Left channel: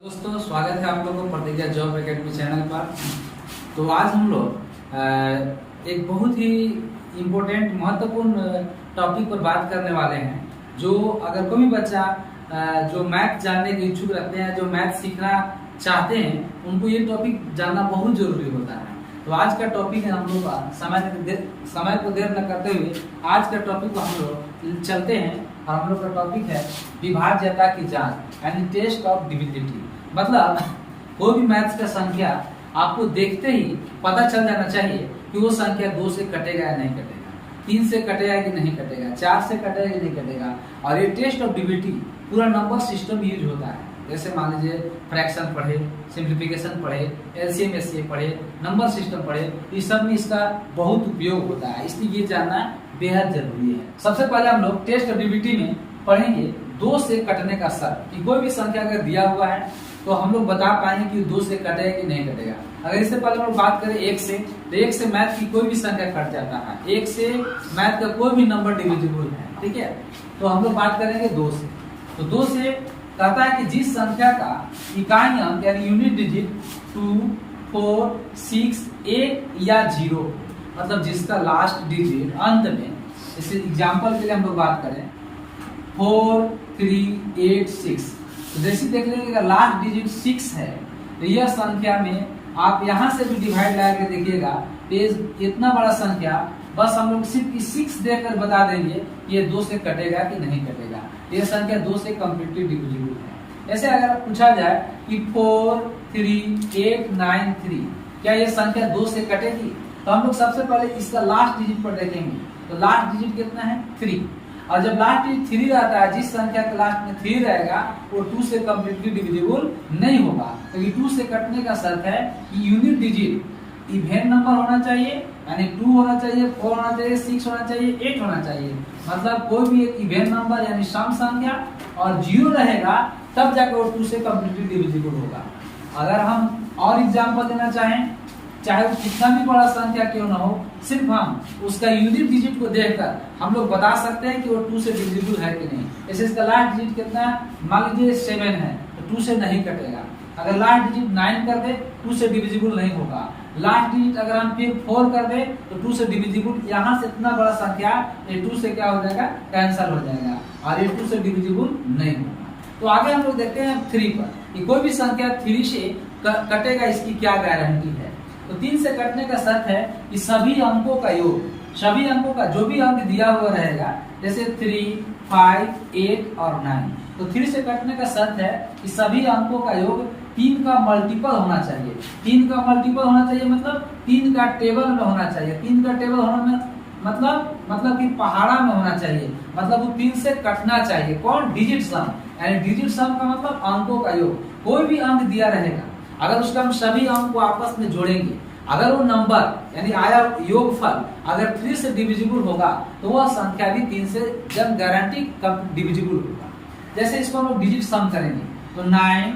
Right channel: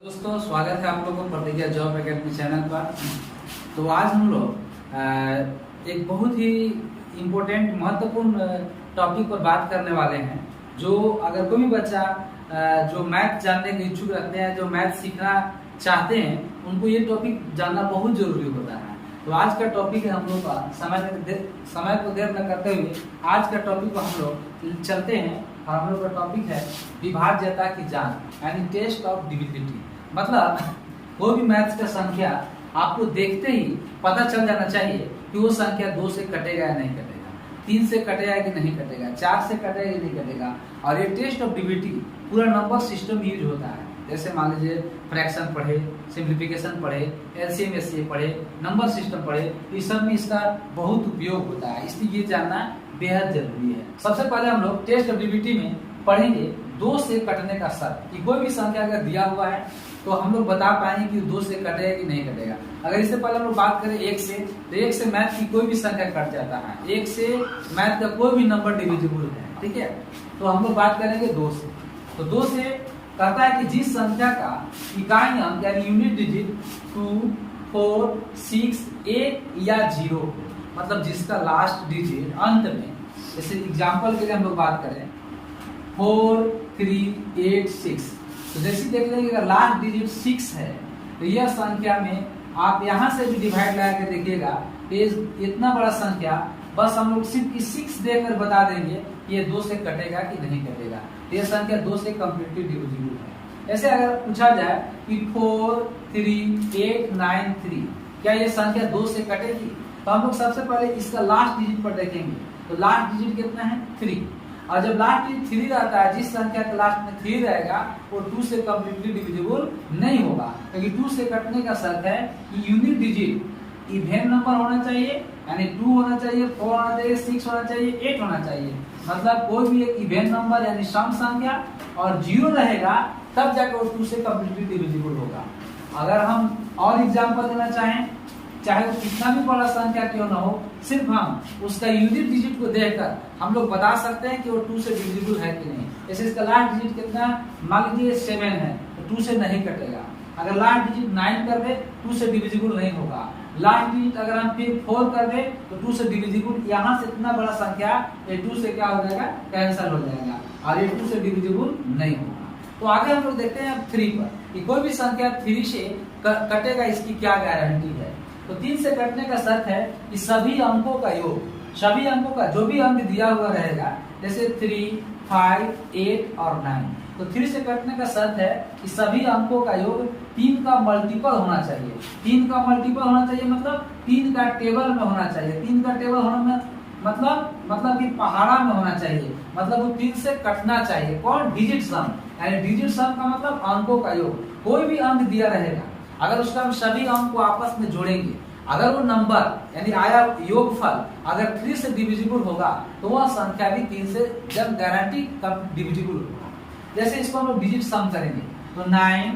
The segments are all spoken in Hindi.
दोस्तों, स्वागत है आप लोगों को प्रतिज्ञा जॉब एकेडमी चैनल पर। तो आज हम लोग एक बहुत ही इम्पोर्टेंट महत्वपूर्ण टॉपिक पर बात करने वाले हैं। जो अगर कोई भी बच्चा जो मैथ जानने के इच्छुक रखते हैं, जो मैथ सीखना चाहते हैं, उनको ये टॉपिक जानना बहुत जरूरी होता है। तो आज का टॉपिक है हम लोग का समय को देर न करते हुए आज का टॉपिक को हम लोग चलते हैं। और हम लोग का टॉपिक है विभाज्यता की जांच यानी टेस्ट ऑफ डिविजिबिलिटी। मतलब कोई भी मैथ्स का संख्या आपको देखते ही पता चल जाना चाहिए कि वो संख्या 2 से कटेगा या नहीं कटेगा, 3 से कटेगा कि नहीं कटेगा, 4 से कटेगा कि नहीं कटेगा। और ये टेस्ट ऑफ डिविजिबिलिटी पूरा नंबर सिस्टम यूज होता है। जैसे मान लीजिए फ्रैक्शन पढ़े, सिंप्लीफिकेशन पढ़े, एलसीएम एचसीएफ पढ़े, नंबर सिस्टम पढ़े, इस सब में इसका बहुत उपयोग होता है। इसलिए ये जानना बेहद जरूरी है। सबसे पहले हम लोग टेस्ट ऑफ डिविजिबिलिटी में पढ़ेंगे 2 से कटने का शर्त कि कोई भी संख्या अगर दिया हुआ है तो हम लोग बता पाएंगे कि 2 से कटेगा कि नहीं कटेगा। अगर इससे पहले हम लोग बात करें 1 से, तो 1 से मैथ की कोई भी संख्या कट जाता है। 1 से मैथ का कोई भी नंबर डिविजिबल है, ठीक है। तो हम लोग बात करेंगे 2 से। तो 2 से कहता है कि जिस संख्या का इकाई अंक यानी यूनिट डिजिट 2, 4, 6, 8 या 0, मतलब जिसका लास्ट डिजिट अंत में, जैसे एग्जांपल के लिए हम लोग बात करें 4, 3, 8, 6, तो जैसे देख लेंगे अगर लास्ट डिजिट 6 है तो यह संख्या में आप यहां से भी डिवाइड लगा के देखिएगा, इतना बड़ा संख्या बस हम लोग सिर्फ 6 देकर बता देंगे कि ये 2 से कटेगा कि नहीं कटेगा। तो यह संख्या 2 से कम्प्लीटली डिविजिबल है। ऐसे अगर पूछा जाए कि 4, 3, 8, 9, 3, क्या ये संख्या 2 से कटेगी? तो हम लोग सबसे पहले इसका लास्ट डिजिट पर देखेंगे। तो लास्ट डिजिट कितना है? 3। और जब लास्ट डिजिट 3 आता है, जिस संख्या के लास्ट में 3 रहेगा वो 2 से कम्प्लीटली डिविजिबल नहीं होगा। तो ये 2 से कटने का शर्त है कि यूनिट डिजिट इवेन नंबर होना चाहिए, यानी 2 होना चाहिए, 4 होना चाहिए, 6 होना चाहिए, 8 होना चाहिए। मतलब कोई भी एक इवेन नंबर यानी सम संख्या और 0 रहेगा तब जाकर वो 2 से कम्प्लीटली डिविजिबल होगा। अगर हम और एग्जांपल देना चाहें, चाहे वो कितना भी बड़ा संख्या क्यों ना हो, सिर्फ हम उसका यूनिट डिजिट को देखकर हम लोग बता सकते हैं कि वो 2 से डिविजिबल है कि नहीं। जैसे इसका लास्ट डिजिट कितना, मान लीजिए 7 है, तो 2 से नहीं कटेगा। अगर लास्ट डिजिट 9 कर दे 2 से डिविजिबल नहीं होगा। लास्ट डिजिट अगर हम फिर 4 कर दे तो 2 से डिविजिबल, यहाँ से इतना बड़ा संख्या ये 2 से क्या हो जाएगा, कैंसिल हो जाएगा और ये 2 से डिविजिबल नहीं होगा। तो आगे हम लोग देखते हैं 3 पर कि कोई भी संख्या 3 से कटेगा, इसकी क्या गारंटी है। तो 3 से कटने का शर्त है कि सभी अंकों का योग, सभी अंकों का जो भी अंक दिया हुआ रहेगा, जैसे 3, 5, 8 और 9, तो 3 से कटने का शर्त है कि सभी अंकों का योग 3 का मल्टीपल होना चाहिए। 3 का मल्टीपल होना चाहिए मतलब 3 का टेबल में होना चाहिए। 3 का टेबल होना में मतलब कि पहाड़ा में होना चाहिए, मतलब वो 3 से कटना चाहिए। कौन? डिजिट सम, यानी डिजिट सम का मतलब अंकों का योग। कोई भी अंक दिया रहेगा, अगर उसका हम सभी अंक को आपस में जोड़ेंगे, अगर वो नंबर यानी आया योगफल अगर 3 से डिविजिबल होगा तो वह संख्या भी 3 से जब गारंटी डिविजिबल होगा। जैसे इसको हम लोग डिजिट सम करेंगे तो 9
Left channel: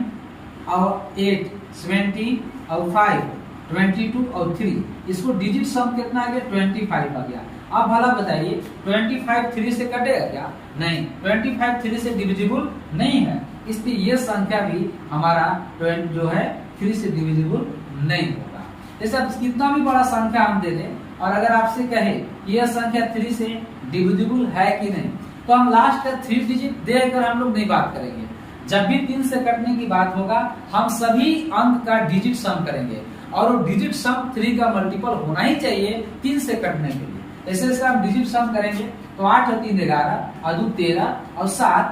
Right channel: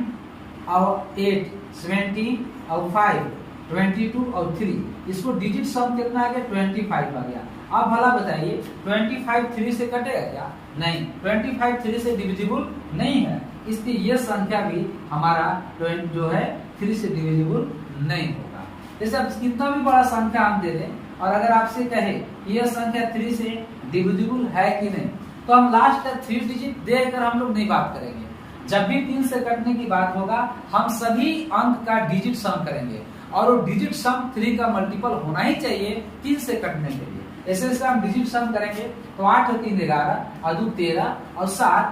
और 8, 17 और 5, 22 और 3, इसको डिजिट सम कितना आ गया? 25 आ गया। अब भला बताइए 25 3 से कटेगा क्या? नहीं, 25 3 से डिविजिबल नहीं है, इसलिए ये संख्या भी हमारा 20 जो है 3 से डिविजिबल नहीं होगा। जैसे अब कितना भी बड़ा संख्या हम दे दें और अगर आपसे कहे कि यह संख्या 3 से डिविजिबल है कि नहीं, तो हम लास्ट का 3 डिजिट देकर हम लोग नहीं बात करेंगे। जब भी 3 से कटने की बात होगा हम सभी अंक का डिजिट सम करेंगे और वो डिजिट सम 3 का मल्टीपल होना ही चाहिए 3 से कटने के लिए। ऐसे हम डिजिट सम करेंगे तो 8 और 3 11 और 2 13 और 7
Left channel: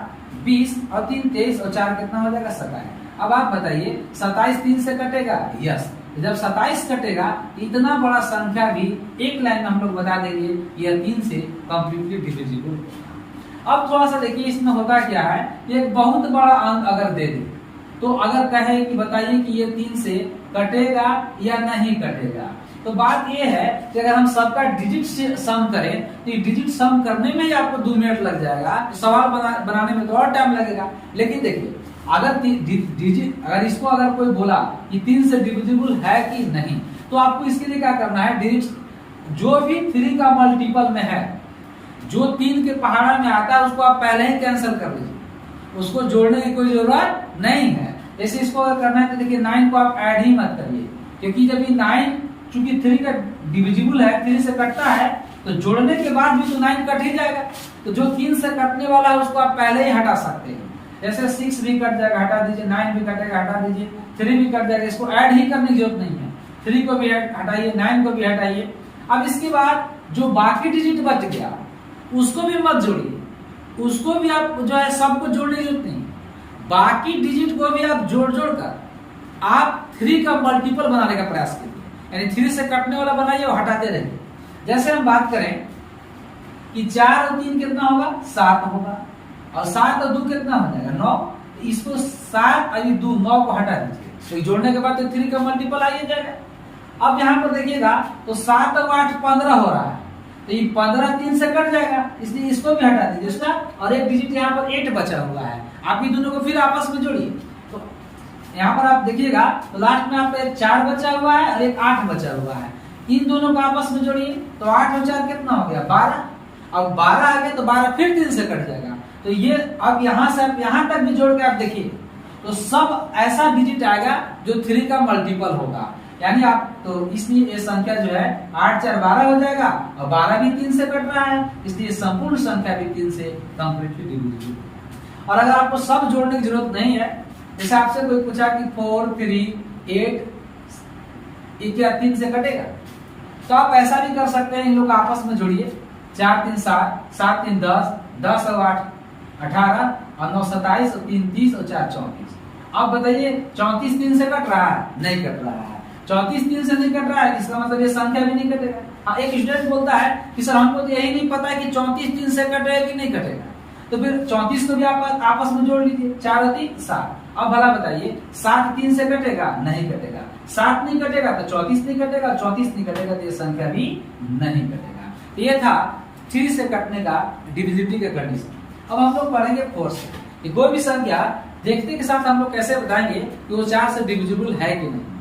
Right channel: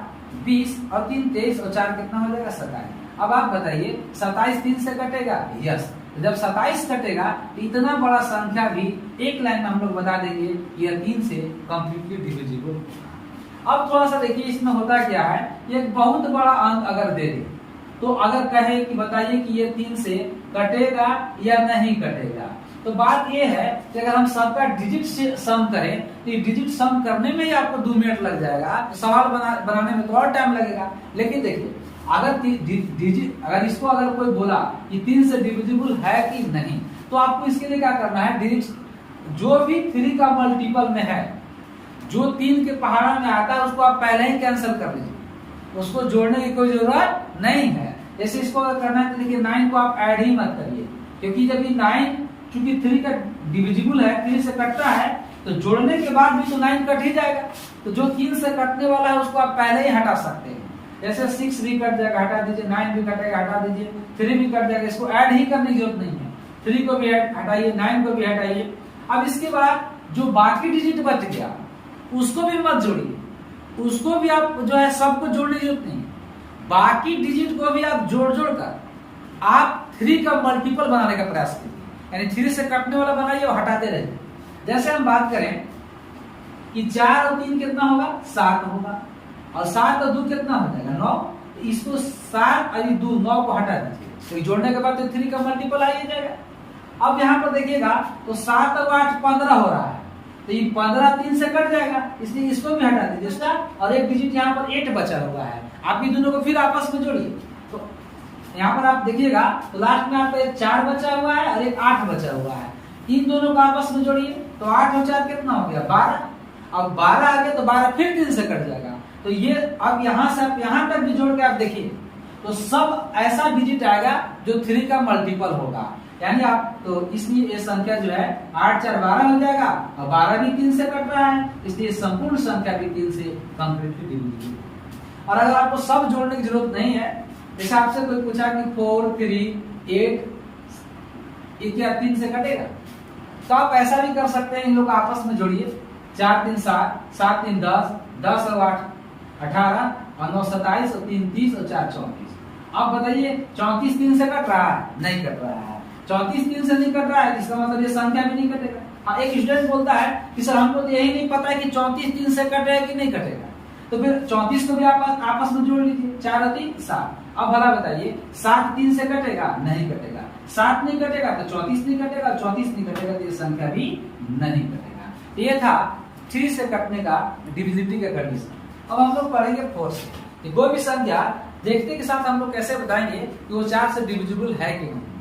20 और 3 23 और 4 कितना हो जाएगा? 27। अब आप बताइए 27 3 से कटेगा? यस। जब 27 कटेगा तो इतना बड़ा संख्या भी एक लाइन में हम लोग बता देंगे यह 3 से कम्प्लीटली डिविजिबल होगा। अब थोड़ा सा देखिए इसमें होता क्या है, एक बहुत बड़ा अंक अगर दे दे तो अगर कहे कि बताइए कि ये 3 से कटेगा या नहीं कटेगा, तो बात ये है कि अगर हम सबका डिजिट से सम करें तो डिजिट सम करने में ही आपको 2 मिनट लग जाएगा, तो सवाल बनाने में तो और टाइम लगेगा। लेकिन देखिए अगर डिजिट अगर इसको अगर कोई बोला कि 3 से डिविजिबल है कि नहीं, तो आपको इसके लिए क्या करना है, डिजिट जो भी 3 का मल्टीपल में है, जो 3 के पहाड़ा में आता है उसको आप पहले ही कैंसिल कर लीजिए, उसको जोड़ने की कोई जरूरत नहीं है। ऐसे इसको अगर करना है तो देखिए 9 को आप ऐड ही मत करिए, क्योंकि जब ये 9 चूंकि 3 का डिविजिबल है, 3 से कटता है, तो जोड़ने के बाद भी तो 9 कट ही जाएगा। तो जो 3 से कटने वाला है उसको आप पहले ही हटा सकते हैं। जैसे 6 भी कट जाएगा, हटा दीजिए, 9 भी कटेगा, हटा दीजिए, 3 भी कट जाएगा, इसको ऐड ही करने की जरूरत नहीं है। 3 को भी हटाइए, 9 को भी हटाइए। अब इसके बाद जो बाकी डिजिट बच गया उसको भी मत जोड़िए, उसको भी आप जो है सबको जोड़ने की जरूरत नहीं। बाकी डिजिट को भी आप जोड़ कर आप 3 का मल्टीपल बनाने का प्रयास कीजिए, यानी 3 से कटने वाला बनाइए और हटाते रहिए। जैसे हम बात करें कि 4 और 3 कितना होगा, 7 होगा, और 7 और 2 कितना हो जाएगा, 9। तो इसको 7 और 2 9 को हटा दीजिए, तो जोड़ने के बाद तो 3 का मल्टीपल आ ही जाएगा। अब यहाँ पर देखिएगा तो 7 और 8 15 हो रहा है, तो ये 15 3 से कट जाएगा, इसलिए इसको भी हटा दीजिए उसका, और एक डिजिट यहाँ पर 8 बचा हुआ है। आप ये दोनों को फिर आपस में जोड़िए, तो यहाँ पर आप देखिएगा तो लास्ट में आपका एक 4 बचा हुआ है और एक 8 बचा हुआ है। इन दोनों को आपस में जोड़िए, तो 8 और 4 कितना हो गया, 12। अब 12 आ गया तो 12 फिर 3 से कट जाएगा। तो ये अब यहाँ से आप यहाँ तक भी जोड़ के आप देखिए तो सब ऐसा डिजिट आएगा जो 3 का मल्टीपल होगा, यानी आप तो इसलिए ये संख्या जो है 8 4 12 हो जाएगा, और 12 भी 3 से कट रहा है, इसलिए संपूर्ण संख्या भी 3 से कंप्लीटली डिविजिबल। और अगर आपको सब जोड़ने की जरूरत नहीं है, जैसे आपसे कोई पूछा कि 4 3 8 क्या 3 से कटेगा, तो आप ऐसा भी कर सकते हैं, इन लोग आपस में जोड़िए, 4 3 7 7 3 10 10 और 8 18 और 9 27 और 3 30 और 4 34। अब बताइए 34 3 से कट रहा है, नहीं कट रहा है। 34 3 से नहीं कट रहा है, इसका मतलब ये संख्या भी नहीं कटेगा। हाँ, एक स्टूडेंट बोलता है कि सर हमको तो यही नहीं पता है कि 34 3 से कटेगा कि नहीं कटेगा, तो फिर 34 को भी आप आपस में जोड़ लीजिए, 4 और 3 7। अब भला बताइए 7 3 से कटेगा, नहीं कटेगा। 7 नहीं कटेगा तो 34 नहीं कटेगा, 34 नहीं कटेगा तो ये संख्या भी नहीं कटेगा। ये था 3 से कटने का डिविजिबिलिटी का कंडीशन। अब हम लोग पढ़ेंगे 4 से, कि कोई भी संख्या देखते के साथ हम लोग कैसे बताएंगे कि वो 4 से डिविजिबल है कि नहीं।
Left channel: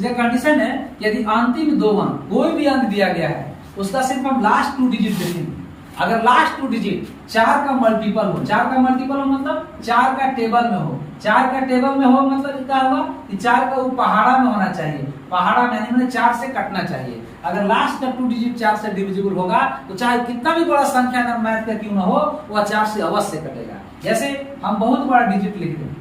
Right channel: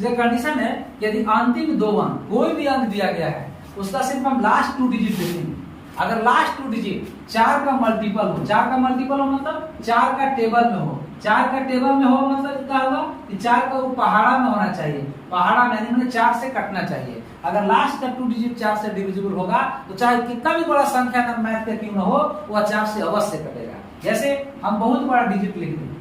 ये कंडीशन है, यदि अंतिम 2 अंक कोई भी अंक दिया गया है उसका सिर्फ हम लास्ट 2 डिजिट देखेंगे। अगर लास्ट 2 डिजिट 4 का मल्टीपल हो, 4 का मल्टीपल हो मतलब 4 का टेबल में हो, 4 का टेबल में हो मतलब क्या होगा कि 4 का वो पहाड़ा में होना चाहिए, पहाड़ा में यानी 4 से कटना चाहिए। अगर लास्ट का 2 डिजिट 4 से डिविजिबल होगा तो चाहे कितना भी बड़ा संख्या ना मैथ का क्यों ना हो, वह 4 से अवश्य कटेगा। जैसे हम बहुत बड़ा डिजिट लिख दें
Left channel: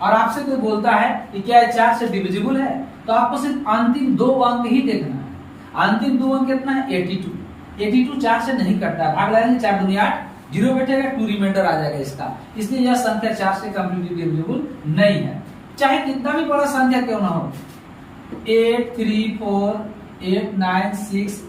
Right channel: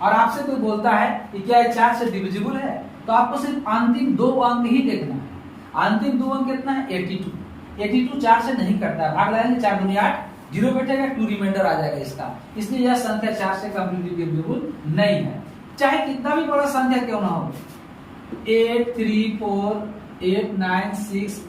और आपसे कोई बोलता है कि क्या ये 4 से डिविजिबल है, तो आपको सिर्फ अंतिम 2 अंक ही देखना है। अंतिम 2 अंक कितना है, 82। 82 4 से नहीं कटता है, भाग लगाएंगे 4 दूनी 8, 0 बैठेगा, 2 रिमाइंडर आ जाएगा इसका, इसलिए यह संख्या 4 से कंप्लीटली डिविजिबल नहीं है, चाहे कितना भी बड़ा संख्या क्यों ना हो। 8 3 4 8 9 6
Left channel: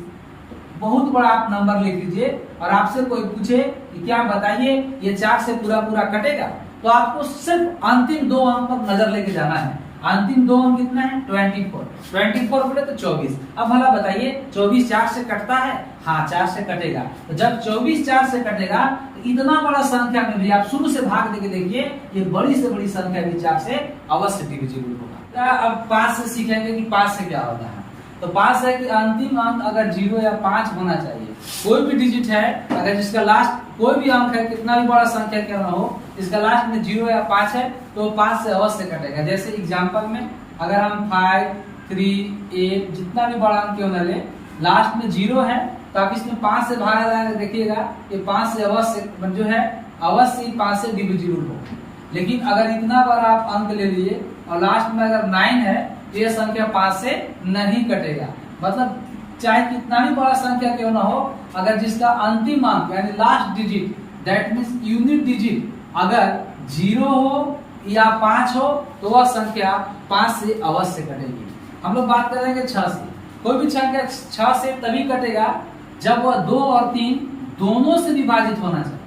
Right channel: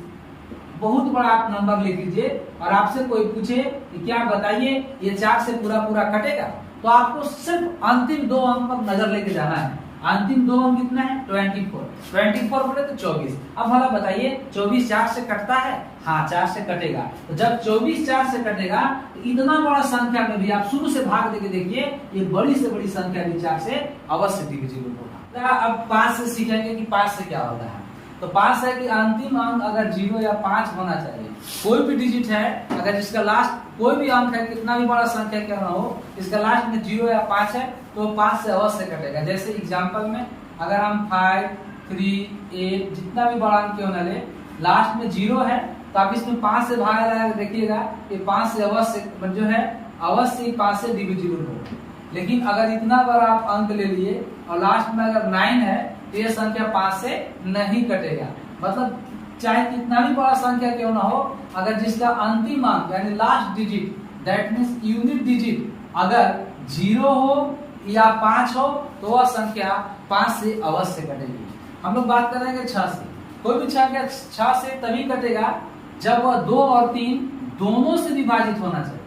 बहुत बड़ा आप नंबर ले लीजिए और आपसे कोई पूछे कि क्या बताइए ये 4 से पूरा पूरा कटेगा, तो आपको सिर्फ अंतिम 2 अंक पर नजर लेके जाना है। अंतिम 2 अंक कितना है, 24। 24 बोले तो 24। अब भला बताइए 24 4 से कटता है, हाँ 4 से कटेगा। तो जब 24 4 से कटेगा तो इतना बड़ा संख्या में भी आप शुरू से भाग देके देखिए, ये बड़ी से बड़ी संख्या भी 4 से अवश्य डिविजिबल होगा। अब 5 से सीखेंगे कि 5 से क्या होता है। तो 5 है कि अंतिम अंक अगर 0 या 5 होना चाहिए। कोई भी डिजिट है अगर जिसका लास्ट कोई भी अंक है, कितना भी बड़ा संख्या क्यों ना हो, इसका लास्ट में 0 या 5 है तो 5 से अवश्य कटेगा। जैसे एग्जांपल में अगर हम 5 3 8 जितना भी बड़ा अंक क्यों ना ले, लास्ट में 0 है तो आप इसमें 5 से भागा जाएगा, देखिएगा कि 5 से अवश्य जो है अवश्य 5 से डिविजिबल होगा। लेकिन अगर इतना बड़ा आप अंक ले लिए और लास्ट में अगर 9 है तो यह संख्या 5 से नहीं कटेगा। मतलब चाहे कितना भी बड़ा संख्या क्यों ना हो, अगर जिसका अंतिम अंक यानी last digit that means unit digit अगर 0 हो या 5 हो तो वह संख्या 5 से अवश्य कटेगी। हम लोग बात करेंगे 6 से। कोई भी संख्या 6 से तभी कटेगा जब वह 2 और 3 दोनों से विभाजित होना चाहिए।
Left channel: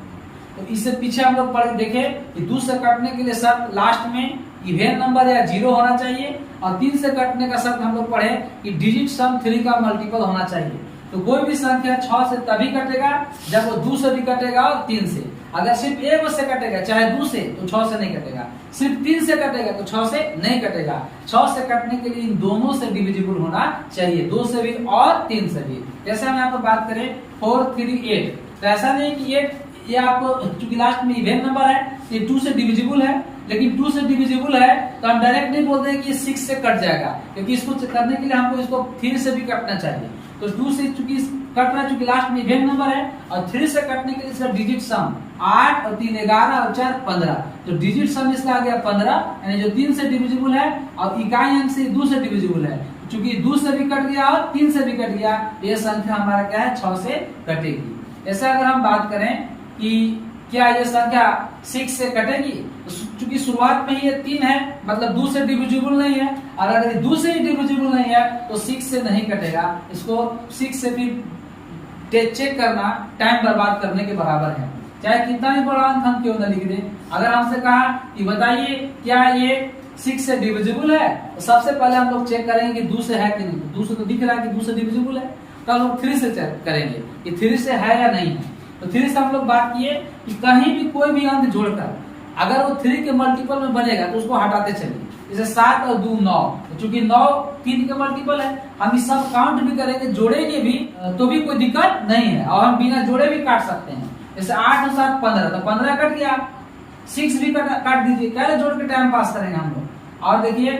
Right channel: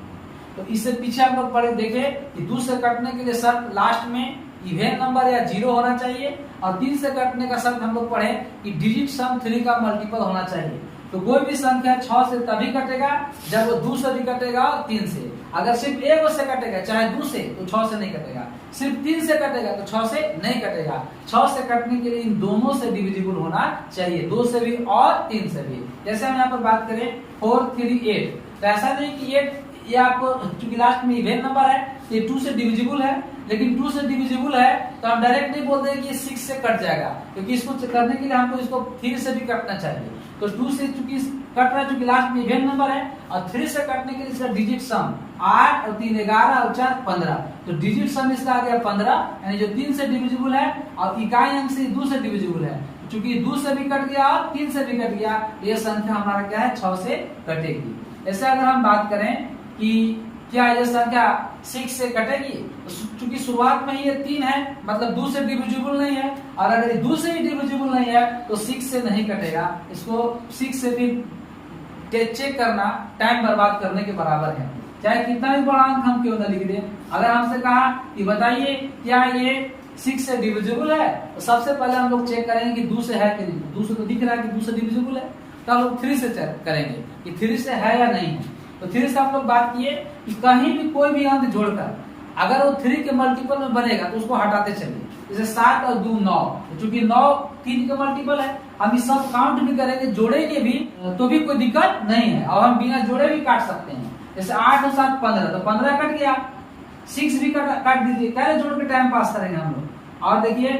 तो इससे पीछे हम लोग पढ़े देखे कि 2 से कटने के लिए शर्त लास्ट में इवेन नंबर या 0 होना चाहिए, और 3 से कटने का शर्त हम लोग पढ़े कि डिजिट सम 3 का मल्टीपल होना चाहिए। तो कोई भी संख्या 6 से तभी कटेगा जब वो 2 से भी कटेगा और 3 से। अगर सिर्फ 1 से कटेगा चाहे 2 से तो 6 से नहीं कटेगा, सिर्फ 3 से कटेगा तो 6 से नहीं कटेगा। 6 से कटने के लिए इन दोनों से डिविजिबल होना चाहिए, 2 से भी और 3 से भी। जैसे हम यहाँ पर बात करें 4 3 8, तो ऐसा नहीं कि 8 ये आपको चूंकि लास्ट में इवेन नंबर है ये 2 से डिविजिबल है, लेकिन 2 से डिविजिबल है तो हम डायरेक्ट नहीं बोलते हैं कि 6 से कट जाएगा, क्योंकि इसको करने के लिए हमको इसको 3 से भी कटना चाहिए। तो 2 से चूंकि कट रहा है, चूंकि लास्ट में इवेंट नंबर है, और 3 से कटने के लिए इसका डिजिट सम 8 और 3 11 और 4 15, तो डिजिट सम इसका आ गया 15, यानी जो 3 से डिविजिबल है और इकाई अंक से 2 से डिविजिबल है। चूंकि 2 से भी कट गया और 3 से भी कट गया, ये संख्या हमारा क्या है 6 से कटेगी। ऐसा अगर हम बात करें कि क्या ये संख्या 6 से कटेगी, तो चूंकि शुरुआत में ही ये 3 है, मतलब 2 से डिविजिबल नहीं है, और अगर ये 2 से ही डिविजिबल नहीं है तो 6 से नहीं कटेगा। इसको 6 से भी चेक करना टाइम बर्बाद करने के बराबर है, चाहे कितना भी बड़ा अंक हम क्यों न लिख दें। अगर हमसे कहा कि बताइए क्या ये 6 से डिविजिबल है, तो सबसे पहले हम लोग चेक करेंगे कि 2 से है कि नहीं। 2 से तो दिख रहा है कि 2 से डिविजिबल है, तो हम लोग 3 से चेक करेंगे कि 3 से है या नहीं है। तो 3 से हम लोग बात किए कि कहीं भी कोई भी अंक जोड़कर अगर वो 3 के मल्टीपल में बनेगा तो उसको हटाते चलिए। जैसे 7 और 2 9, चूंकि 9 3 के मल्टीपल है, हम इस सब काउंट भी करेंगे, जोड़ेंगे भी तो भी कोई दिक्कत नहीं है, और हम बिना जोड़े भी काट सकते हैं। जैसे 8 और 7 15, तो 15 कट गया, 6 भी काट दीजिए, कैसे जोड़ के टाइम पास करेंगे हम लोग। और देखिए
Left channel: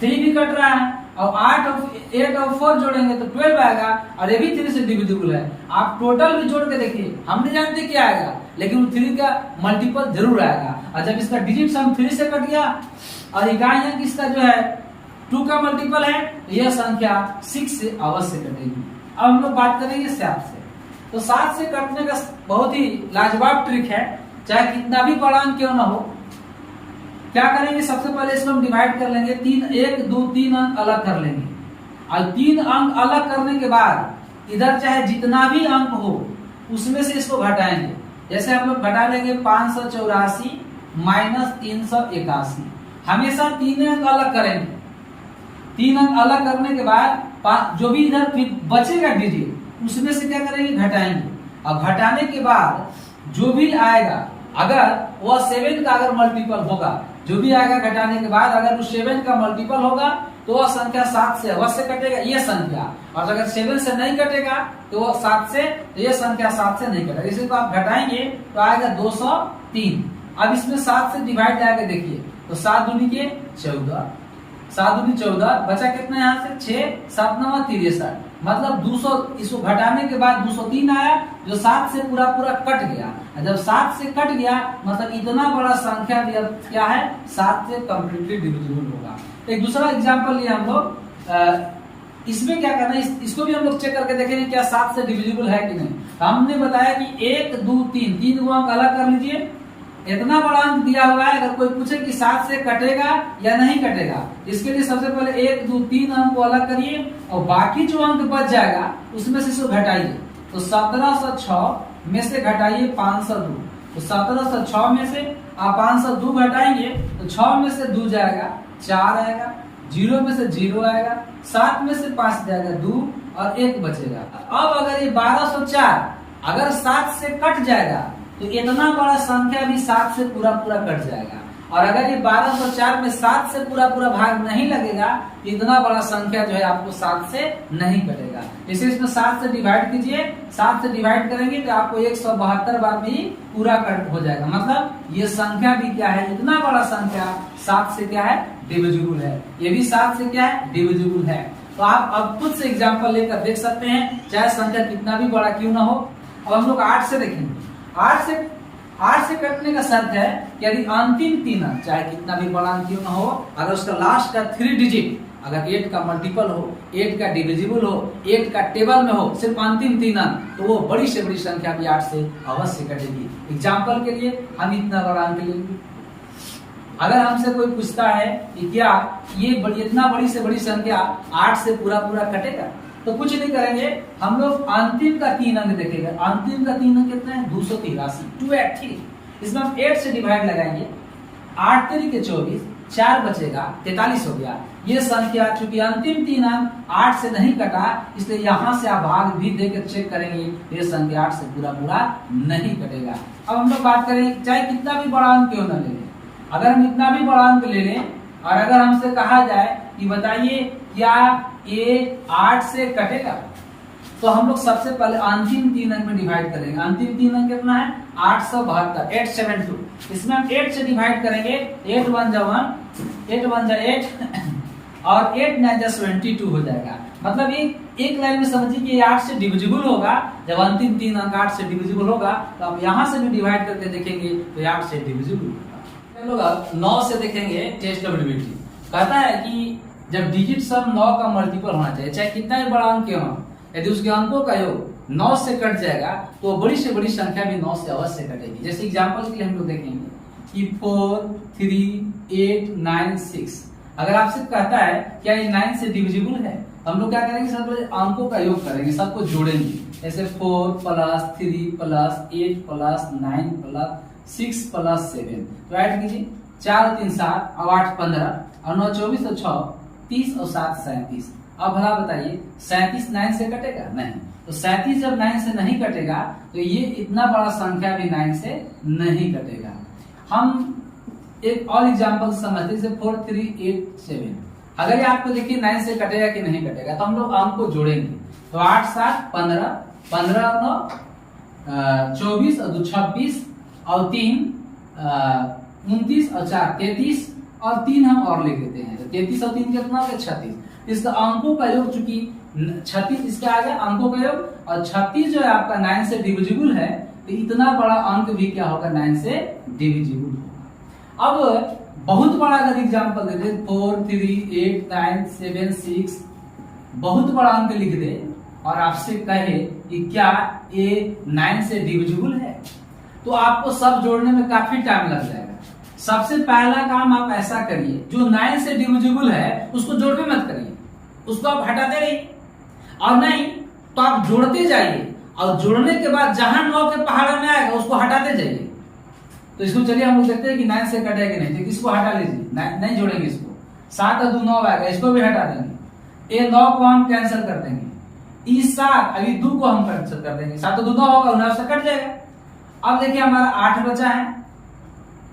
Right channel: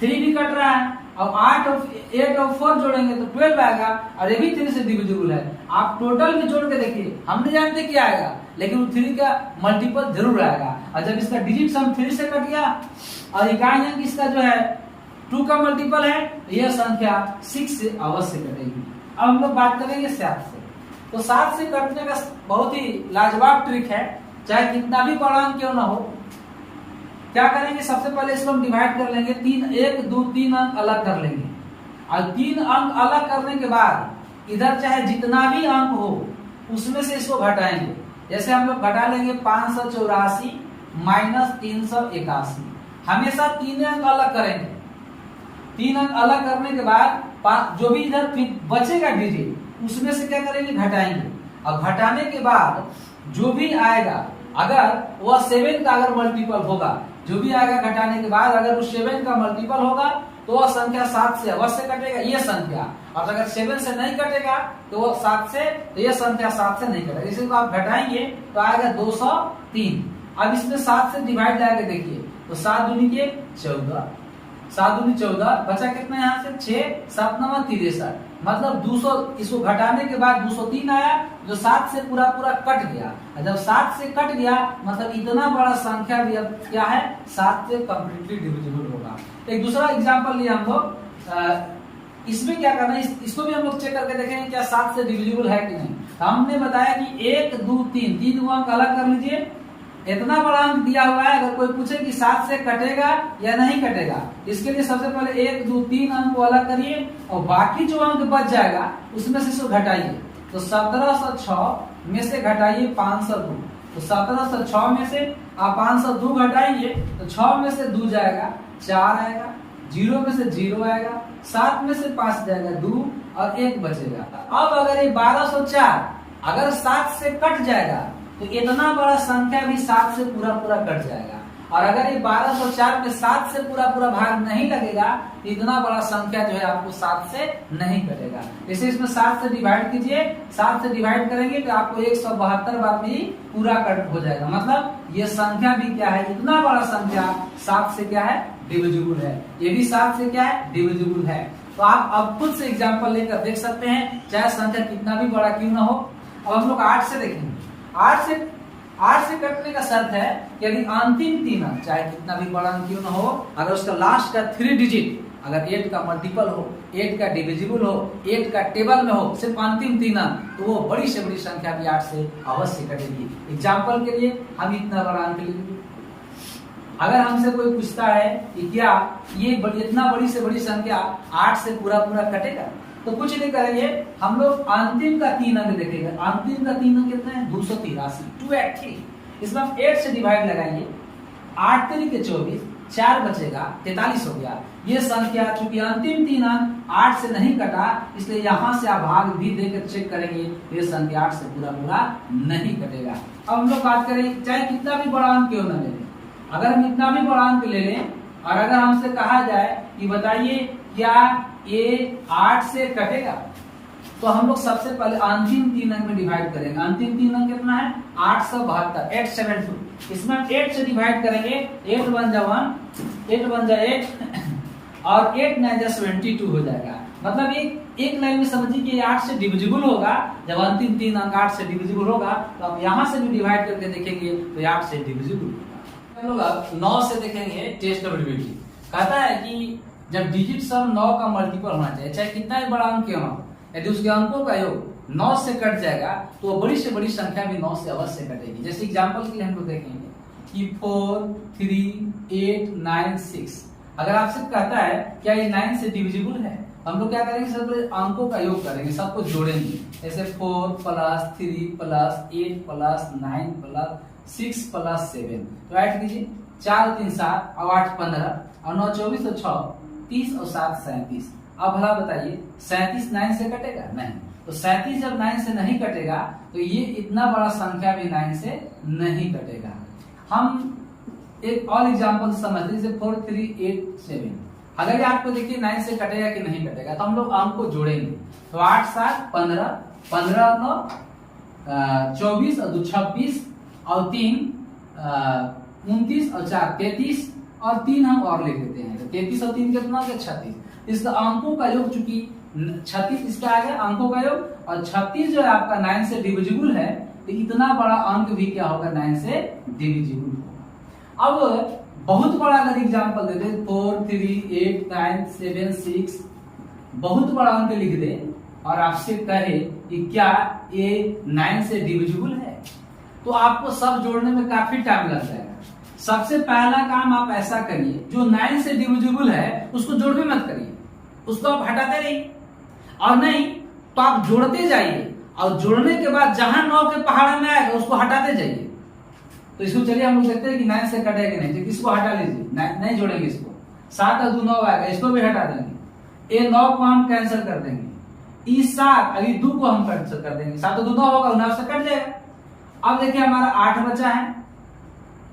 3 भी कट रहा है, और 8 और 4 जोड़ेंगे तो 12 आएगा, और ये भी 3 से डिविजिबल है। आप टोटल भी जोड़ के देखिए, हम नहीं जानते क्या आएगा, लेकिन 3 का मल्टीपल जरूर आएगा। और जब इसका डिजिट सम 3 से कट गया और इकाई अंक इसका जो है 2 का मल्टीपल है, तो यह संख्या 6 से अवश्य कटेगी। अब हम लोग बात करेंगे 7 से। तो 7 से कटने का बहुत ही लाजवाब ट्रिक है, चाहे कितना भी बड़ा अंक क्यों ना हो। क्या करेंगे, सबसे पहले इसको हम डिवाइड कर लेंगे, 1 2 3 अंक अलग कर लेंगे, और 3 अंक अलग करने के बाद इधर चाहे जितना भी अंक हो उसमें से इसको घटाएंगे। जैसे हम लोग घटा लेंगे 584 माइनस 381, हमेशा 3 अंक अलग करेंगे। 3 अंक अलग करने के बाद जो भी इधर बचेगा डिजिट उसमें से क्या करेंगे, घटाएंगे, और घटाने के बाद जो भी आएगा, अगर वह 7 का अगर मल्टीपल होगा, जो भी आएगा घटाने के बाद अगर वो 7 का मल्टीपल होगा तो वह संख्या 7 से अवश्य कटेगा ये संख्या, और अगर 7 से नहीं कटेगा तो वह 7 से, तो ये संख्या 7 से नहीं कटेगा। इसी को आप घटाएंगे तो आएगा 203। अब इसमें 7 से डिवाइड जाके देखिए, तो 7 दूनी के 14, 7 दूनी 14, बचा कितना यहाँ से 6, 7 9 63, मतलब 200। इसको घटाने के बाद 203 आया, जो 7 से पूरा कट गया। जब 7 से कट गया मतलब इतना बड़ा संख्या भी अब क्या है 7 से कम्प्लीटली डिविजिबल होगा। एक दूसरा एग्जांपल लिए हम लोग, इसमें क्या करना है, इसको भी हम लोग चेक करके देखेंगे क्या 7 से डिविजिबल है कि नहीं। हमने बताया कि 1 2 3 को अंक अलग कर लीजिए, इतना बड़ा अंक दिया हुआ है, अगर कोई पूछे कि 7 से कटेगा या नहीं कटेगा, इसके लिए सबसे पहले 1 2 3 अंक को अलग करिए, और बाकी जो अंक बच जाएगा उसमें से इसको घटाइए। तो 1706 में से घटाइए 502, तो 1706 में से आप 502 घटाइए तो 6 में से 2 जाएगा 4 आएगा, 0 में से 0 आएगा, 7 में से 5 जाएगा 2, और 1 बचेगा। अब अगर ये 1204 अगर 7 से कट जाएगा तो इतना बड़ा संख्या भी 7 से पूरा कट जाएगा, और अगर ये 1204 में 7 से पूरा भाग नहीं लगेगा, इतना बड़ा संख्या जो है आपको 7 से नहीं कटेगा। इसे इसमें 7 से डिवाइड कीजिए, 7 से डिवाइड करेंगे तो आपको 172 बार में ही पूरा कट हो जाएगा। मतलब ये संख्या भी क्या है, इतना बड़ा संख्या 7 से क्या है डिविजिबल है, ये भी 7 से क्या है डिविजिबल है। तो आप अब खुद से एग्जाम्पल लेकर देख सकते हैं, चाहे संख्या कितना भी बड़ा क्यों ना हो। अब हम लोग 8 से देखेंगे। 8 से कटने का शर्त है कि यदि अंतिम 3 अंक चाहे कितना भी बड़ा अंक क्यों ना हो, अगर उसका लास्ट का 3 डिजिट अगर 8 का मल्टीपल हो, 8 का डिविजिबल हो, 8 का टेबल में हो, सिर्फ अंतिम 3 अंक, तो वो बड़ी से बड़ी संख्या भी 8 से अवश्य कटेगी। एग्जाम्पल के लिए हम इतना बड़ा अंक लेंगे। अगर हमसे कोई पूछता है कि क्या ये इतना बड़ी से बड़ी संख्या 8 से पूरा कटेगा, तो कुछ नहीं करेंगे, हम लोग अंतिम का 3 अंक देखेंगे। अंतिम का 3 अंक कितना है 283, 283। इसमें हम 8 से डिवाइड लगाएंगे, 8 3 के 24, 4 बचेगा 43 हो गया। ये संख्या चूंकि अंतिम 3 अंक 8 से नहीं कटा, इसलिए यहाँ से आप भाग भी देकर चेक करेंगे, ये संख्या 8 से पूरा नहीं कटेगा। अब हम लोग बात करें, चाहे कितना भी बड़ा अंक क्यों न ले लें, अगर हम इतना भी बड़ा अंक ले लें और अगर हमसे कहा जाए कि बताइए क्या ये 8 से कटेगा, तो हम लोग सबसे पहले अंतिम 3 अंक में डिवाइड करेंगे। अंतिम 3 अंक कितना है? 872, 872। इसमें हम 8 से डिवाइड करेंगे, 8 1 जा 1, 8 1 जा 8 और 8 9 जा 72 हो जाएगा। मतलब ये एक लाइन में समझिए कि 8 से डिविजिबल होगा। जब अंतिम 3 अंक 8 से डिविजिबल होगा तो आप यहाँ से भी डिवाइड करके देखेंगे तो 8 से डिविजिबल होगा। चलो अब 9 से देखेंगे टेस्ट एबिलिटी। कहता है कि जब डिजिट सम 9 का मल्टीपल होना चाहिए, चाहे कितना भी बड़ा अंक क्यों हो, यदि उसके अंकों का योग 9 से कट जाएगा तो बड़ी से बड़ी संख्या भी 9 से अवश्य कटेगी। जैसे एग्जांपल के लिए हम लोग देखेंगे कि 4 3 8 9 6। अगर आपसे कहता है क्या ये 9 से डिविजिबल है, हम लोग क्या करेंगे? सबसे अंकों का योग करेंगे, सबको जोड़ेंगे। ऐसे 4 plus 3 plus 8 plus 9 plus 6 plus 7। तो ऐड कीजिए, 4 3 7 और 8 15 और 9 24 और 6 30 और 7 37। अब भला बताइए 37 9 से कटेगा? नहीं। तो 37 जब 9 से नहीं कटेगा तो ये इतना बड़ा संख्या भी 9 से नहीं कटेगा। हम एक और एग्जांपल समझते हैं, जैसे 4 3 8 7। अगर ये आपको देखिए 9 से कटेगा कि नहीं कटेगा तो हम लोग अंक को जोड़ेंगे। तो 8 7 15, 15 और 9 24 और 2 26 और 3 29 और 4 33 और 3 हम और लिख देते हैं। तो 33 और 3 कितना हो गया? 36। इसका अंकों का योग चूंकि 36 इसका आ गया अंकों का योग, और 36 जो है आपका 9 से डिविजिबल है, तो इतना बड़ा अंक भी क्या होगा? 9 से डिविजिबल होगा। अब बहुत बड़ा अगर एग्जांपल दे दे 4 3 8 9 7 6, बहुत बड़ा अंक लिख दे और आपसे कहे कि क्या ये 9 से डिविजिबल है, तो आपको सब जोड़ने में काफी टाइम लग जाएगा। सबसे पहला काम आप ऐसा करिए, जो 9 से डिविजिबल है उसको जोड़ में मत करिए, उसको आप हटाते रहिए, और नहीं तो आप जोड़ते जाइए और जोड़ने के बाद जहां 9 के पहाड़ में आएगा उसको हटाते जाइए। तो इसको चलिए हम लोग देखते हैं कि 9 से कटेगा कि नहीं। तो इसको हटा लीजिए, नहीं जोड़ेंगे इसको। 7 और 2 9 आएगा, इसको भी हटा देंगे। ये 9 को हम कैंसिल कर देंगे, इस 7 अभी 2 को हम कैंसिल कर देंगे। 7 और 2 9 होगा, 9 से कट जाएगा। अब देखिए हमारा 8 बचा है,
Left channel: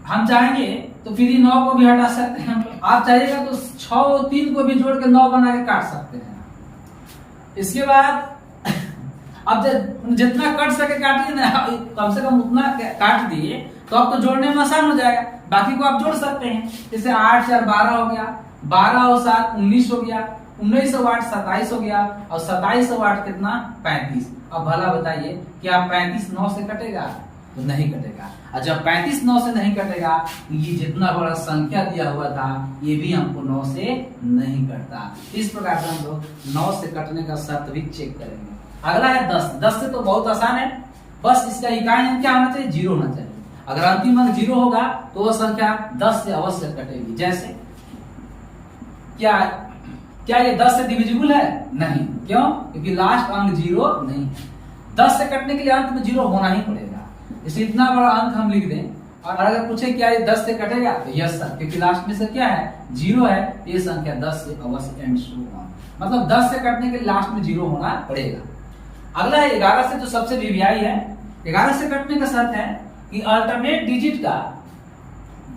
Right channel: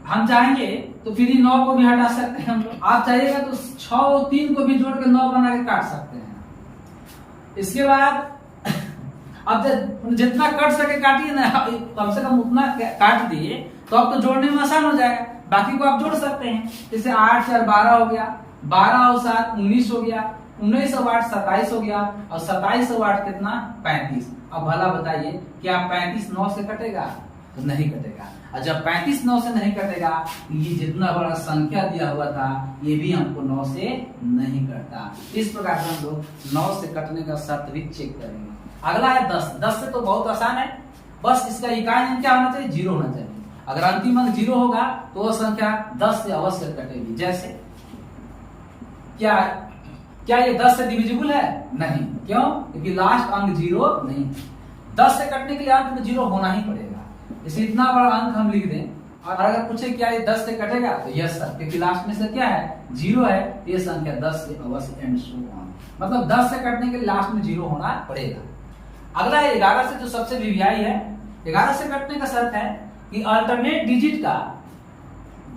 हम चाहेंगे तो फिर 9 को भी हटा सकते हैं हम लोग। आप चाहिएगा तो 6 और 3 को भी जोड़ के 9 बना के काट सकते हैं। इसके बाद अब जितना कट सके काटिए ना, कम से कम उतना काट दिए तो अब तो जोड़ने में आसान हो जाएगा। बाकी को आप जोड़ सकते हैं। जैसे 8 4 12 हो गया, 12 और 7 19 हो गया, 19 और 8 27 हो गया, और 27 और 8 कितना? 35। अब भला बताइए क्या 35 9 से कटेगा? तो नहीं कटेगा। और जब 35 9 से नहीं कटेगा, ये जितना बड़ा संख्या दिया हुआ था ये भी हमको 9 से नहीं कटता। इस प्रकार से हम लोग 9 से कटने का शर्त भी चेक करेंगे। अगला है 10। 10 से तो बहुत आसान है, बस इसका इकाई अंक क्या होना चाहिए? 0 होना चाहिए। अगर अंतिम अंक 0 होगा तो वो संख्या 10 से अवश्य कटेगी। जैसे क्या ये 10 से डिविजिबल है? नहीं। क्यों? क्योंकि लास्ट अंक 0 नहीं। 10 से कटने के लिए अंत में 0 होना ही पड़ेगा। इसे इतना बड़ा अंक हम लिख दें, और अगर पूछे क्या ये 10 से कटेगा तो यस सर, क्योंकि लास्ट में से क्या है? 0 है। ये संख्या 10 से अवश्य एंड सो ऑन, मतलब 10 से कटने के लिए लास्ट में 0 होना पड़ेगा। अगला है 11 से, जो सबसे वीवीआई है। 11 से कटने का शर्त है कि अल्टरनेट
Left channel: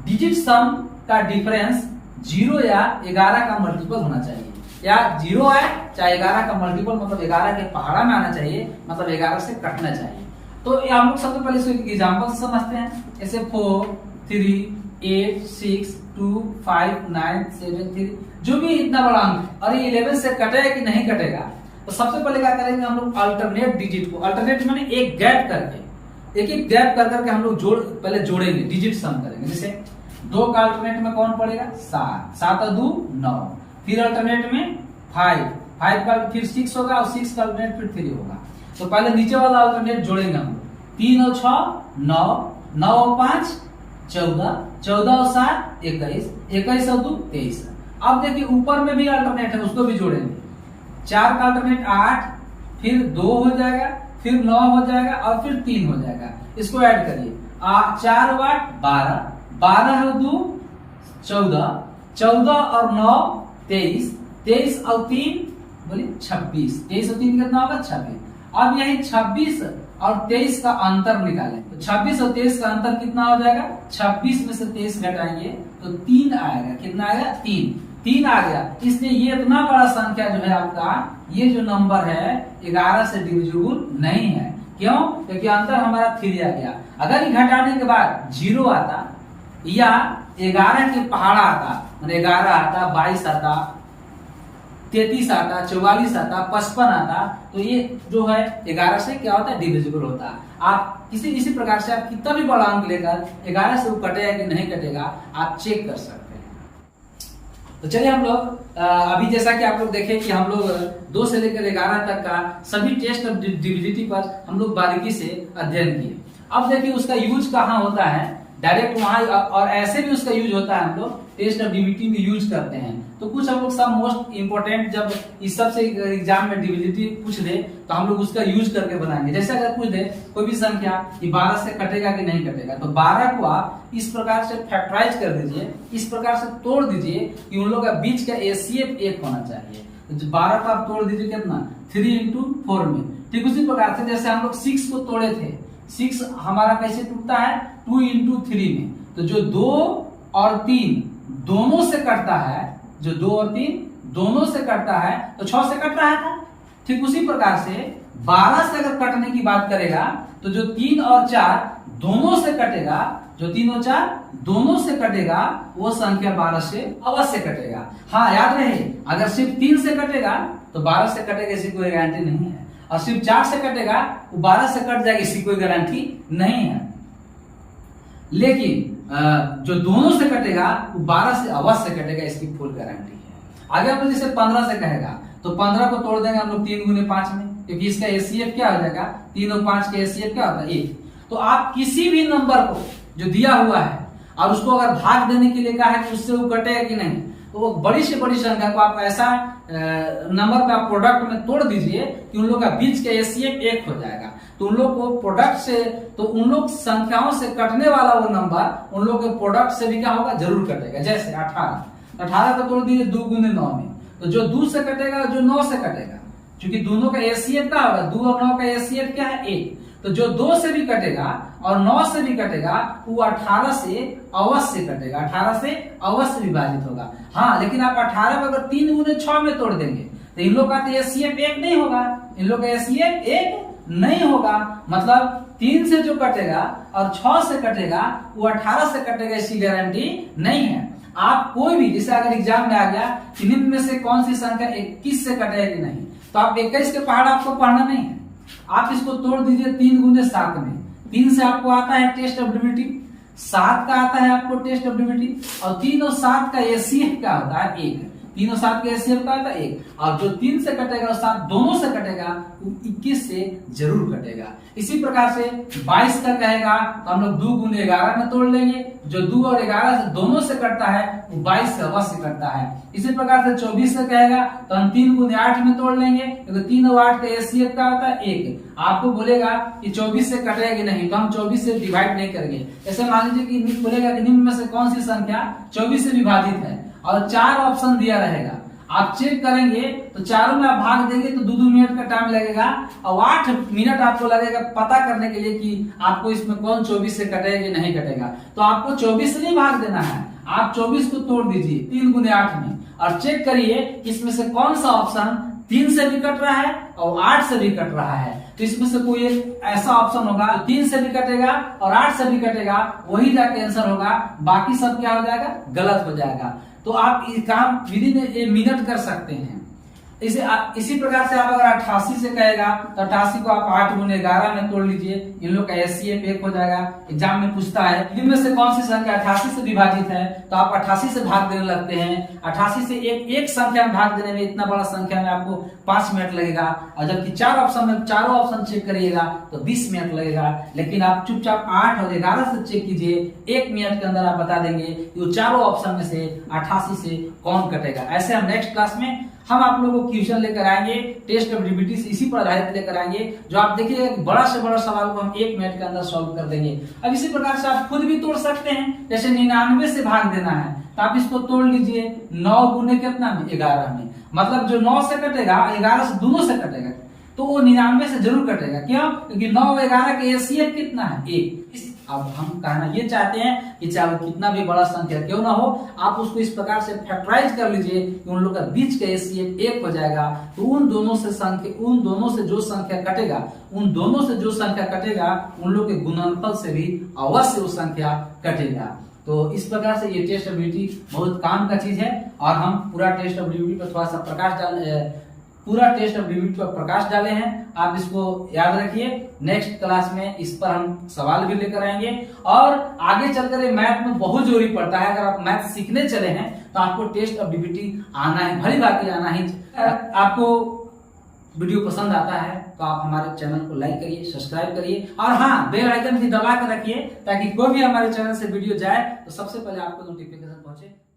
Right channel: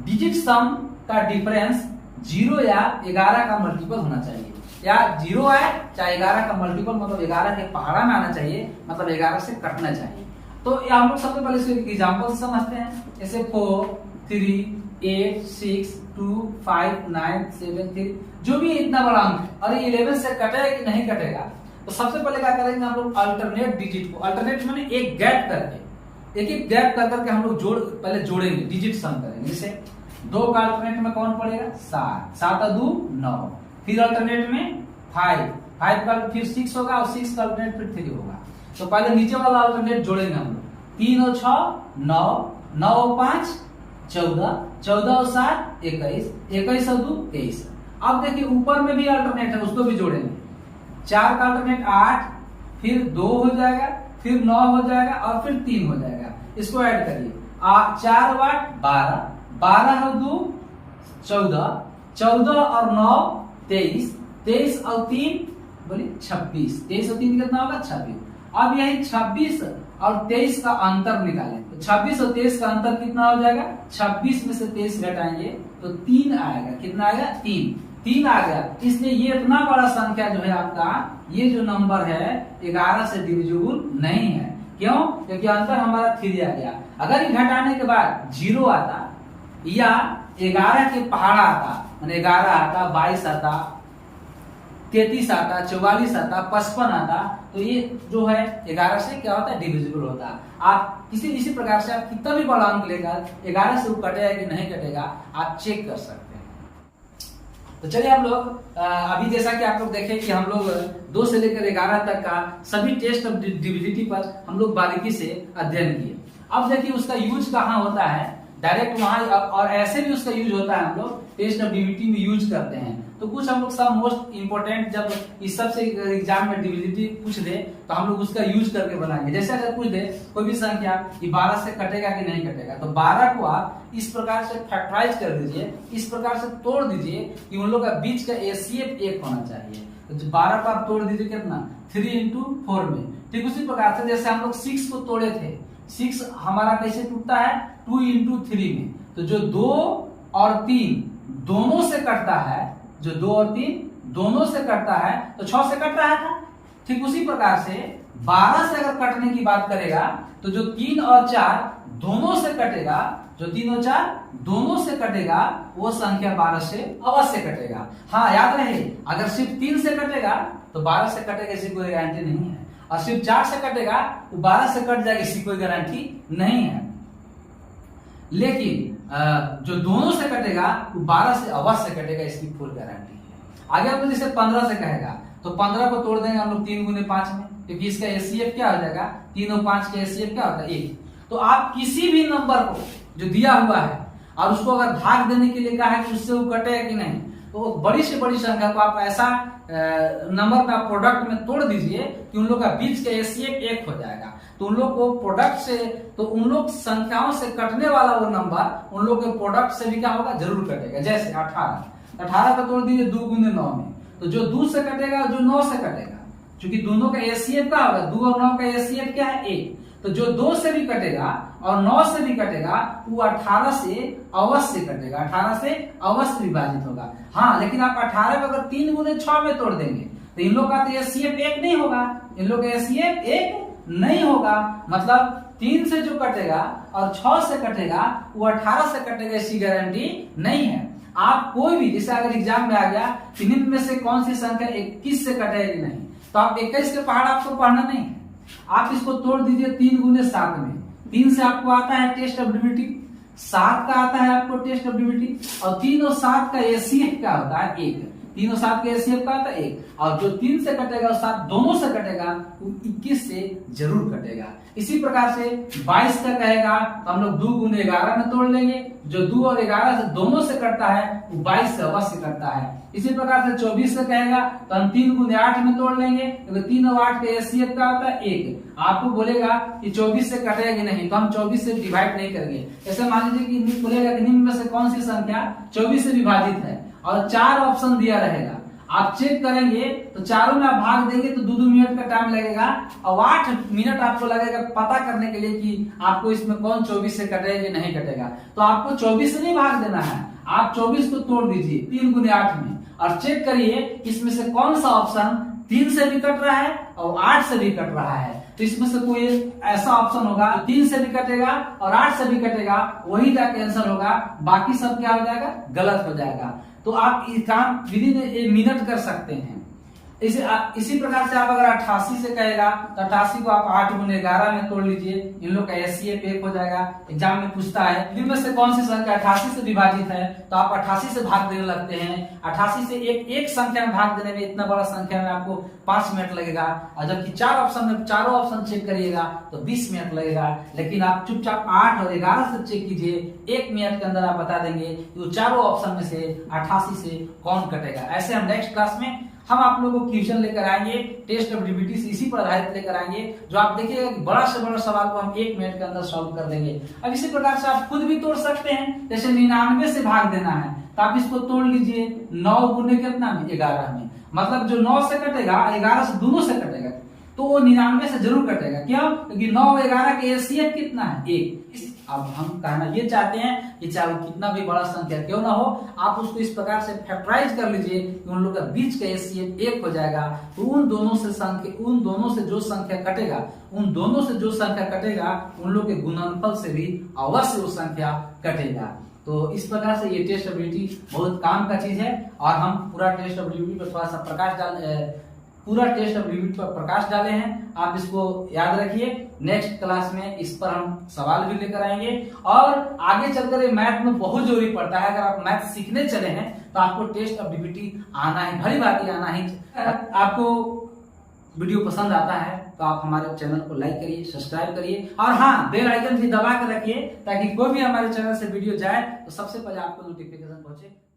डिजिट सम का डिफरेंस 0 या 11 का मल्टीपल होना चाहिए, या 0 आए चाहे 11 का मल्टीपल, मतलब 11 के पहाड़ा में आना चाहिए, मतलब 11 से कटना चाहिए। तो हम लोग सबसे पहले इसको एग्जांपल से समझते हैं। जैसे 4 3 8 6 2 5 9 7 3, जो भी इतना बड़ा अंक है, और ये 11 से कटेगा कि नहीं कटेगा, तो सबसे पहले क्या करेंगे हम लोग? अल्टरनेट डिजिट को, अल्टरनेट माने एक गैप करके, एक गैप कर करके हम लोग पहले जोड़ेंगे, डिजिट सम करेंगे। जैसे 2 का अल्टरनेट में कौन पड़ेगा? 7, 7 और 2 9, फिर अल्टरनेट में 5, 5 का फिर 6 होगा, और 6 का अल्टरनेट फिर 3 होगा। तो पहले नीचे वाला अल्टरनेट जोड़ेंगे हम लोग। 3 और 6 9, 9 और 5 14, 14 और 7 21, 21 और 2 23। अब देखिए ऊपर में भी अल्टरनेट है, उसको भी जोड़ेंगे। 4 का अल्टरनेट 8, फिर 2 हो जाएगा, फिर 9 हो जाएगा, और फिर 3 हो जाएगा। इसको ऐड करिए, 4 और 8 12, 12 और 2 14, 14 और 9 23, 23 और 3 बोलिए 26, 23 और 3 कितना होगा? 26। अब यही 26 और 23 का अंतर निकालें, तो 26 और 23 का अंतर कितना हो जाएगा? 26 में से 23 घटाएंगे तो 3 आएगा। कितना आएगा? 3। 3 आ गया, इसलिए ये इतना बड़ा संख्या जो है आपका, ये जो नंबर है 11 से डिविजिबल नहीं है। क्यों? क्योंकि अंतर हमारा 3 आ गया। अगर ये घटाने के बाद 0 आता या 11 के पहाड़ा आता, मैंने 11 आता, 22 आता, 33 आता, 44 आता, 55 आता, तो ये जो है 11 से क्या होता है, डिविजिबल होता है। आप इसी प्रकार से आप कितना भी बड़ा अंक लेकर 11 से वो कटेगा कि नहीं कटेगा आप चेक कर सकते हैं। तो चलिए हम लोग अभी जैसा कि आप लोग देखें कि हम लोग 2 से लेकर 11 तक का सभी टेस्ट ऑफ डिविजिबिलिटी पर हम लोग बारीकी से अध्ययन किए। अब देखिए उसका यूज कहाँ होता है, डायरेक्ट वहां, और ऐसे भी उसका यूज होता है, हम लोग टेस्ट ऑफ डिविजिबिलिटी में यूज करते हैं। तो कुछ हम लोग सब मोस्ट इंपोर्टेंट, जब इस सबसे एग्जाम में डिविजिबिलिटी पूछ दे तो हम लोग उसका यूज करके बनाएंगे। जैसे अगर पूछ दे कोई भी संख्या कि 12 से कटेगा कि नहीं कटेगा, तो 12 को आप इस प्रकार से फैक्टराइज कर दीजिए, इस प्रकार से तोड़ दीजिए कि उन लोगों का बीच का एसीएफ 1 होना चाहिए। तो 12 को आप तोड़ दीजिए कितना, 3 into 4 में। ठीक उसी प्रकार से जैसे हम लोग 6 को तोड़े थे, 6 हमारा कैसे टूटता है, 2 into 3 में। तो जो 2 और 3 दोनों से कटता है, जो 2 और 3 दोनों से कटता है, तो 6 से कट रहा था। ठीक उसी प्रकार से 12 से अगर कटने की बात करेगा तो जो 3 और 4 दोनों से कटेगा, जो 3 और 4 दोनों से कटेगा, वो संख्या 12 से अवश्य कटेगा। हाँ याद रहे, अगर सिर्फ 3 से कटेगा तो 12 से कटेगा, इसकी कोई गारंटी नहीं है, और सिर्फ 4 से कटेगा तो 12 से कट जाएगा, इसकी कोई गारंटी नहीं है। लेकिन जो दोनों से कटेगा वो 12 से अवश्य कटेगा, इसकी फुल गारंटी है। आगे आप जैसे 15 से कहेगा तो 15 को तोड़ देंगे हम लोग 3 गुने 5 में, क्योंकि इसका एसीएफ क्या हो जाएगा, 3 और 5 का एसीएफ क्या होता है, 1। तो आप किसी भी नंबर को जो दिया हुआ है और उसको अगर भाग देने के लिए कहा है कि उससे वो कटेगा कि नहीं, तो वो बड़ी से बड़ी संख्या को आप ऐसा नंबर पे आप प्रोडक्ट में तोड़ दीजिए कि उन लोग का बीच का एसीएफ 1 हो जाएगा। तो उन लोग को प्रोडक्ट से, तो उन लोग संख्याओं से कटने वाला वो नंबर उन लोग के प्रोडक्ट से भी क्या होगा, जरूर कटेगा। जैसे 18 को तोड़ दीजिए 2 गुने 9 में, तो जो 2 से कटेगा, जो 9 से कटेगा, क्योंकि दोनों का एसीएफ क्या होगा, 2 और 9 का एसीएफ क्या है, 1। तो जो 2 से भी कटेगा और 9 से भी कटेगा, वो 18 से अवश्य कटेगा, 18 से अवश्य विभाजित होगा। हाँ, लेकिन आप 18 को अगर 3 गुने 6 में तोड़ देंगे तो इन लोग का तो एसीएफ 1 नहीं होगा, इन लोग का एसीएफ 1 नहीं होगा। मतलब 3 से जो कटेगा और 6 से कटेगा वो 18 से कटेगा, इसकी गारंटी नहीं है। आप कोई भी, जैसे अगर एग्जाम में आ गया कि निम्न में से कौन सी संख्या 21 से कटेगी नहीं, तो आप 21 के पहाड़ आपको पढ़ना नहीं है, आप इसको तोड़ दीजिए 3 गुने 7 में। 3 से आपको आता है टेस्ट ऑफ डिविजिबिलिटी, 7 का आता है आपको टेस्ट ऑफ डिविजिबिलिटी, और 3 और 7 का एसीएफ क्या होता है, 1। 3 और 7 का एसीएफ क्या होता है, 1। और जो 3 से कटेगा और 7 दोनों से कटेगा, वो 21 से जरूर कटेगा। इसी प्रकार से 22 का कहेगा तो हम लोग 2 गुने 11 में तोड़ लेंगे, जो 2 और 11 से दोनों से कटता है वो 22 से अवश्य कटता है। इसी प्रकार से 24 से कहेगा तो हम 3 गुने 8 में तोड़ लेंगे, क्योंकि 3 और 8 का एसीएफ क्या होता है, 1। आपको बोलेगा कि 24 से कटेगा कि नहीं, तो हम 24 से डिवाइड नहीं करेंगे। ऐसे मान लीजिए कि बोलेगा कि निम्न में से कौन सी संख्या 24 से विभाजित है, और 4 ऑप्शन दिया रहेगा, आप चेक करेंगे तो चारों में आप भाग देंगे तो 2-2 मिनट का टाइम लगेगा, और 8 मिनट आपको लगेगा पता करने के लिए कि आपको इसमें कौन 24 से कटेगा कि नहीं कटेगा। तो आपको 24 से नहीं भाग देना है, आप 24 को तोड़ दीजिए 3 गुने 8 में, और चेक करिए इसमें से कौन सा ऑप्शन 3 से भी कट रहा है और 8 से भी कट रहा है। तो इसमें से कोई ऐसा ऑप्शन होगा 3 से भी कटेगा और 8 से भी कटेगा, वही जाके आंसर होगा, बाकी सब क्या हो जाएगा, गलत हो जाएगा। तो आप इस काम विदिन ए मिनट कर सकते हैं। इसी प्रकार से आप अगर 88 से कहेगा तो 88 को आप 8 गुने 11 में तोड़ लीजिए, इन लोग का एसीएफ 1 हो जाएगा। एग्जाम में पूछता है इनमें से कौन सी संख्या 88 से विभाजित है, तो आप 88 से भाग देने लगते हैं। 88 से एक संख्या में भाग देने में, इतना बड़ा संख्या में आपको 5 मिनट लगेगा, और जबकि 4 ऑप्शन में चारों ऑप्शन चेक करिएगा तो 20 मिनट लगेगा। लेकिन आप चुपचाप 8 और 11 से चेक कीजिए, 1 मिनट के अंदर आप बता देंगे कि वो चारों ऑप्शन में से 88 से कौन कटेगा। ऐसे हम नेक्स्ट क्लास में हम आप लोगों को क्वेश्चन लेकर आएंगे, टेस्ट ऑफ डिविजिबिलिटी से इसी पर आधारित लेकर आएंगे, जो आप देखिए बड़ा से बड़ा सवाल को हम 1 मिनट के अंदर सॉल्व कर देंगे। अब इसी प्रकार से आप खुद भी तोड़ सकते हैं, जैसे 99 से भाग देना है तो आप इसको तोड़ लीजिए 9 गुने कितना में, 11 में। मतलब जो 9 से कटेगा 11 से दोनों से कटेगा, तो वो 99 से जरूर कटेगा। क्यों? क्योंकि 9 और 11 के एसीएफ कितना है, 1। अब हम कहना ये चाहते हैं कि चाहे वो कितना भी बड़ा संख्या क्यों ना हो, आप उसको इस प्रकार से फैक्टराइज कर लीजिए कि उन लोग का बीच का HCF 1 हो जाएगा। तो उन दोनों से जो संख्या कटेगा, उन लोग के गुणनफल से भी अवश्य वो संख्या कटेगा। तो इस प्रकार से ये टेस्ट एबिलिटी बहुत काम का चीज है और हम पूरा टेस्ट एबिलिटी पर थोड़ा सा प्रकाश डाले हैं। आप इसको याद रखिए, नेक्स्ट क्लास में इस पर हम सवाल भी लेकर आएंगे और आगे चलकर मैथ में बहुत जरूरी पड़ता है। अगर आप मैथ सीखने चले हैं तो आपको टेस्ट एबिलिटी आना है, भली बात आना ही। आपको वीडियो पसंद आता है तो आप हमारे चैनल को लाइक करिए, सब्सक्राइब करिए और हाँ, बेल आइकन भी दबा कर रखिए ताकि कोई भी हमारे चैनल से वीडियो जाए तो सबसे पहले आपको नोटिफिकेशन पहुंचे।